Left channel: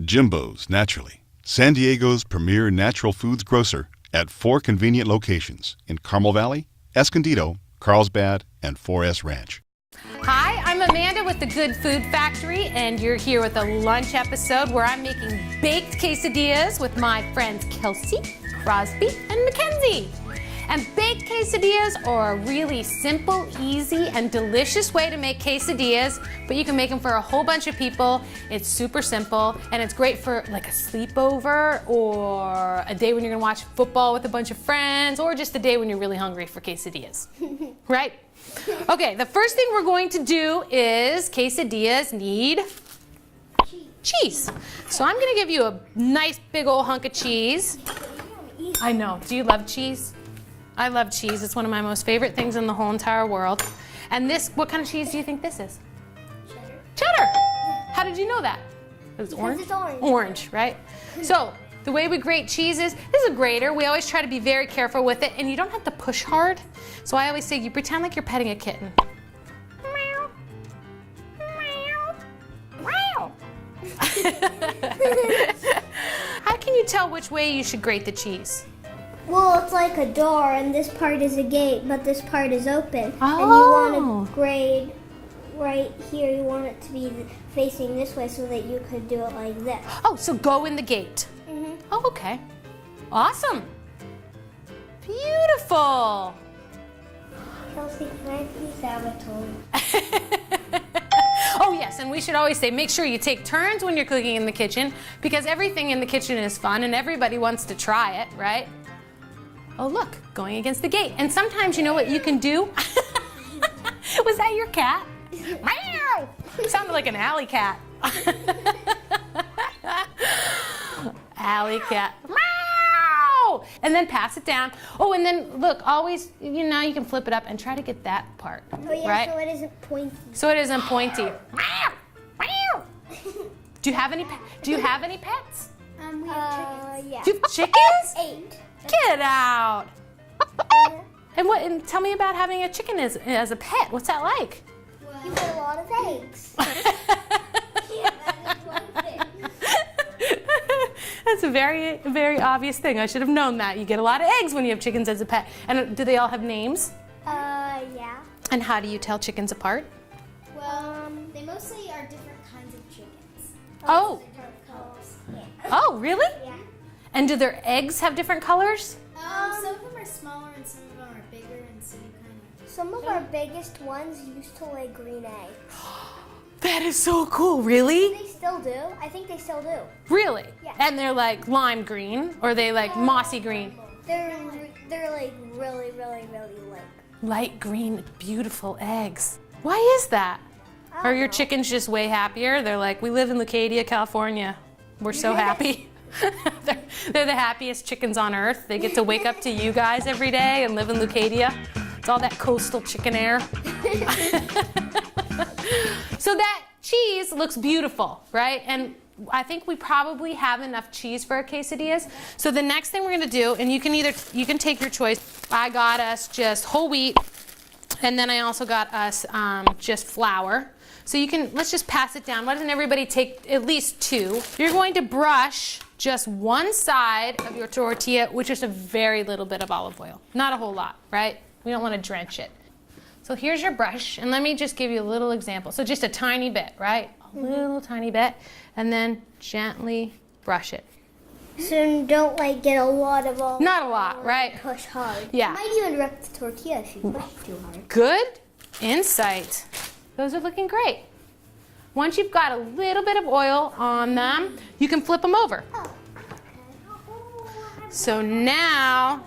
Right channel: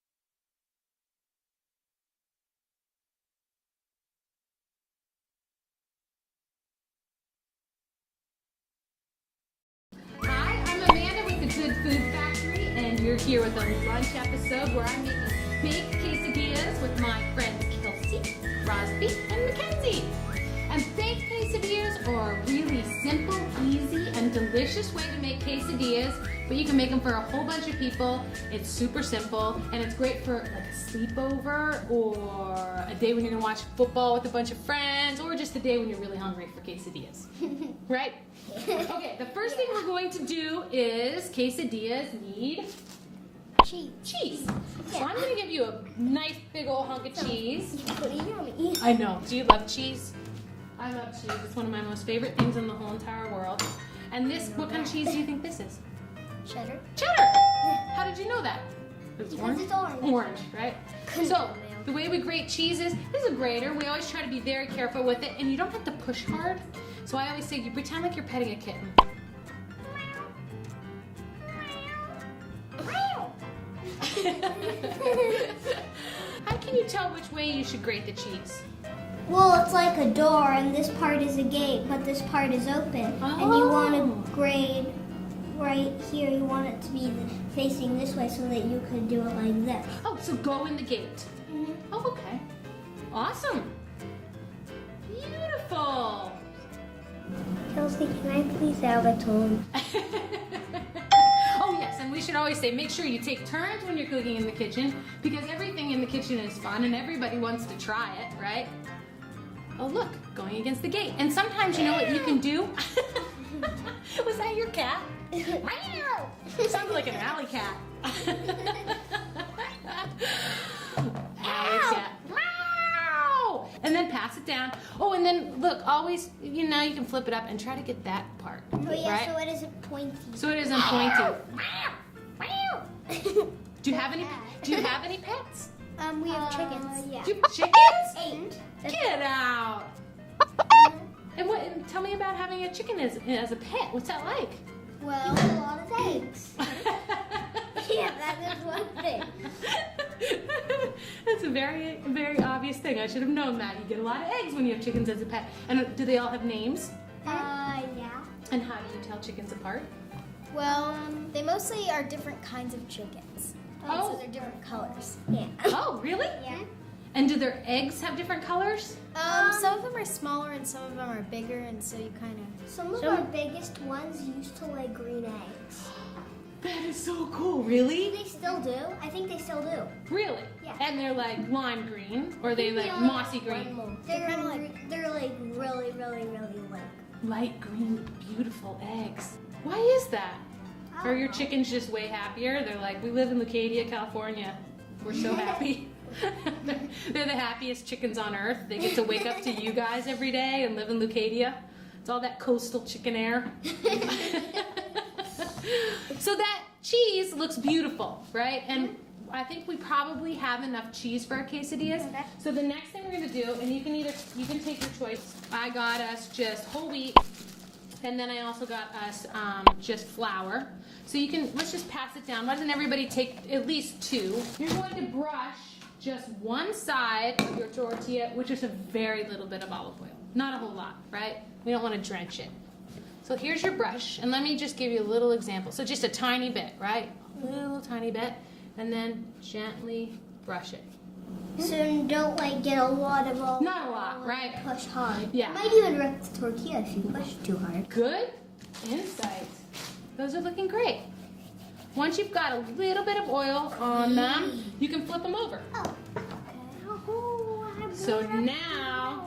Jimbo's, naturally. San Diego's premier natural foods grocer at 4 convenient locations in Carmel Valley, Escondido, Carlsbad, and 4S Ranch. Hi, I'm Amanda with the Good Food Factory, and you're here with a lunch episode where I'm making baked quesadillas with my friends Kelsey, Crosby, and Mackenzie. And baked quesadillas are a really simple, easy, and delicious way to make quesadillas, but you can make them for a whole bunch of people. It's super simple, and it's great for like a sleepover or a day when you're gonna watch football with a bunch of friends, or just a day when you're really hungry for quesadillas, right? Okay, the first thing we're going to do is quesadillas need cheese. So I'm gonna give you a nice big old hunk of cheese. I know, do you love cheese? I love cheese. It's one of my most favorite things in the whole entire world. And this, what kind of cheese do you think this is? Cheddar. Cheddar! How did you know that? It's orange? It's orange. Orange, right? So, the way we grate cheese is, this is a grater. We always try to be very careful with it, and you don't have to push hard. So I always say, you pretend like you're petting a kitten. How can you tell which way you should grate the cheese? Well, it's like a door, and this part is a gate, but this part is open. Oh. And you want to grade right here. You want it to be facing this way so that you could do it like this. Oh, so go in the gate. Mm-hmm. Oh, okay. Awesome. Beautiful. Kelsey, can I please have a tone? Oh yes, and we should always say, make sure you take turns when you're cooking in the kitchen, because everything in the kitchen is fun and everybody wants to try it, right? Oh look, going against the gate. And sometimes you know what you can do? Was that your cat? Meow! Sounded like an alley cat. Alley cat. Meow! And then pass it down. Oh, and then look, always, you know, you can flip it up and try to get that part, Oh yeah, right? so it isn't pointy. So it isn't pointy. Do you have any pets? We have chickens. Yeah. Do you have chickens? 8. Get out. And what? And tell me about having a chicken as a pet. What's that like? Well, you get a lot of eggs. Yeah, that is one thing. That's a very, very obvious thing. I should have known that. You get a lot of eggs when you have chickens as a pet. And do they all have names? Yeah. And how do you tell chickens apart? Well, they mostly are different kinds of chickens. Oh. So they're different colors. Yeah. Oh, really? Yeah. And do their eggs have different colors? Some of them are smaller and some of them are bigger, and so you kind of... Some of our biggest ones used to lay green eggs. That is so cool. Really? They still do. I think they still do. Really? Yeah. And they're like lime green, or they like mossy green? They're like really Light green, beautiful eggs. Why is that? Are your chickens just way happier? They're like, we live in Leucadia, California. We're so happy. they're the happiest chickens on earth. They get to wake up to you guys every day and live in Leucadia. It's all that coastal chicken air. So that cheese looks beautiful, right? And I think we probably have enough cheese for our quesadillas. So the next thing we're gonna do, and you can take your choice. I got us just whole wheat, and then I also got us just flour. So let's just pass it down. Why doesn't everybody take at least 2? You're going to brush just one side of your tortilla with just a very little bit of olive oil. Not a whole lot, right? We don't want to drench it. So here's your brush, and let me just give you a little example. So just a tiny bit, right? A little tiny bit, and then gently brush it. So don't like get a lot of olive. Not a lot, right? Push hard. Yeah. You might even wreck the tortilla if you push too hard. Good insight. Those are looking great. Once you've got a little bit of oil on them, you can flip them over. So now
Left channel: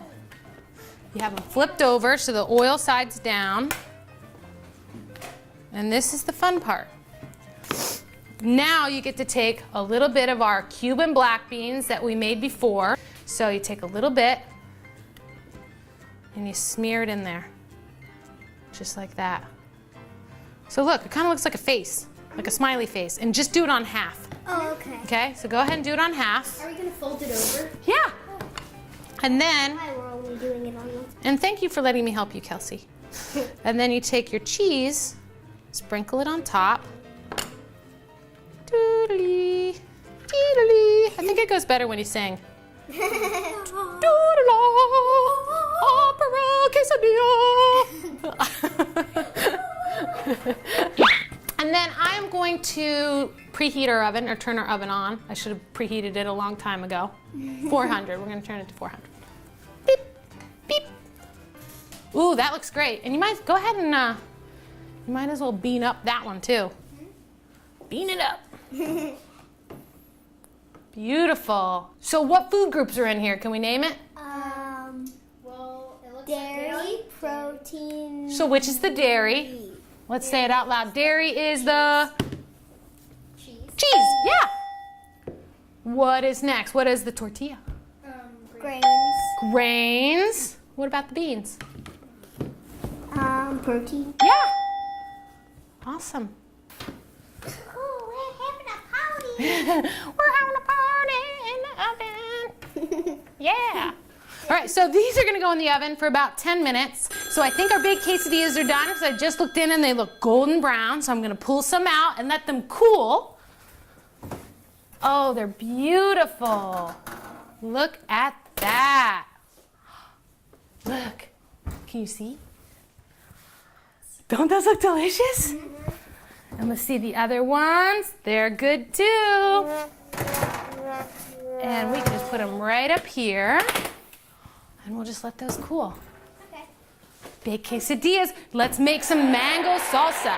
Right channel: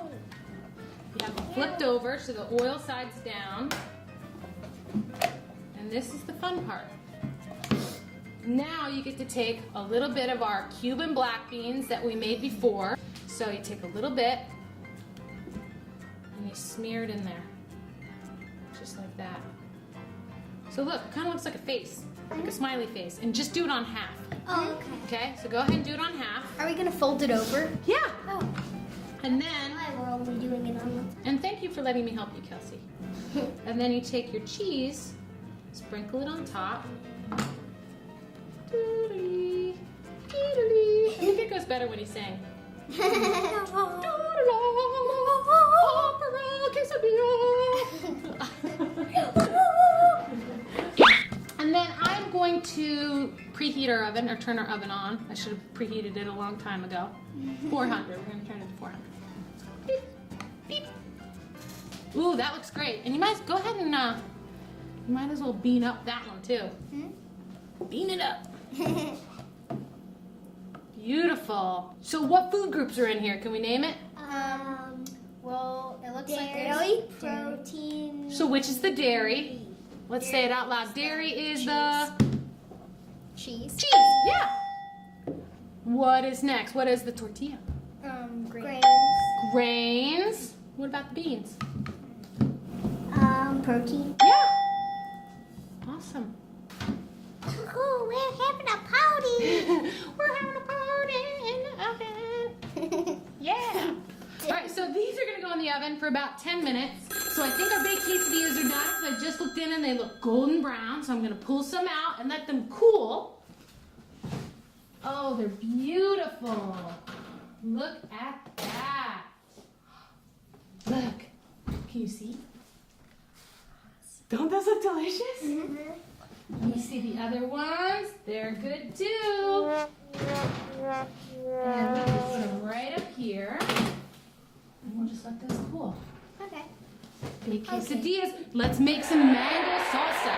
you have them flipped over so the oil side's down. And this is the fun part. Now you get to take a little bit of our Cuban black beans that we made before. So you take a little bit and you smear it in there. Just like that. So look, it kind of looks like a face, like a smiley face. And just do it on half. Oh, okay. Okay, so go ahead and do it on half. Are we going to fold it over? Yeah. Oh. And then, Hi, we're only doing it on one. and thank you for letting me help you, Kelsey. And then you take your cheese, sprinkle it on top. Doodly, doodly. it goes better when you sing. And then I'm going to preheat our oven, or turn our oven on. I should have preheated it a long time ago. 400, we're gonna turn it to 400. Beep, beep. Ooh, that looks great. And you might, go ahead and, you might as well bean up that one too. Bean it up. Beautiful. So what food groups are in here? Can we name it? Well, it looks Dairy, like protein. So which is the dairy? Let's say it out loud. Dairy is the cheese. cheese. Yeah. What is next? What is the tortilla? Grains. Grains. What about the beans? Protein. Yeah. Awesome. Oh, we're having a party. We're having a party in the oven. Yeah. All right, so these are gonna go in the oven for about 10 minutes. So I think our baked quesadillas are done because I just looked in and they look golden brown. So I'm gonna pull some out and let them cool. Oh, they're beautiful. Look at that. Look, can you see? Don't those look delicious? And let's see the other ones. They're good too. And we can put them right up here. And we'll just let those cool. Okay. Baked quesadillas. Let's make some mango salsa.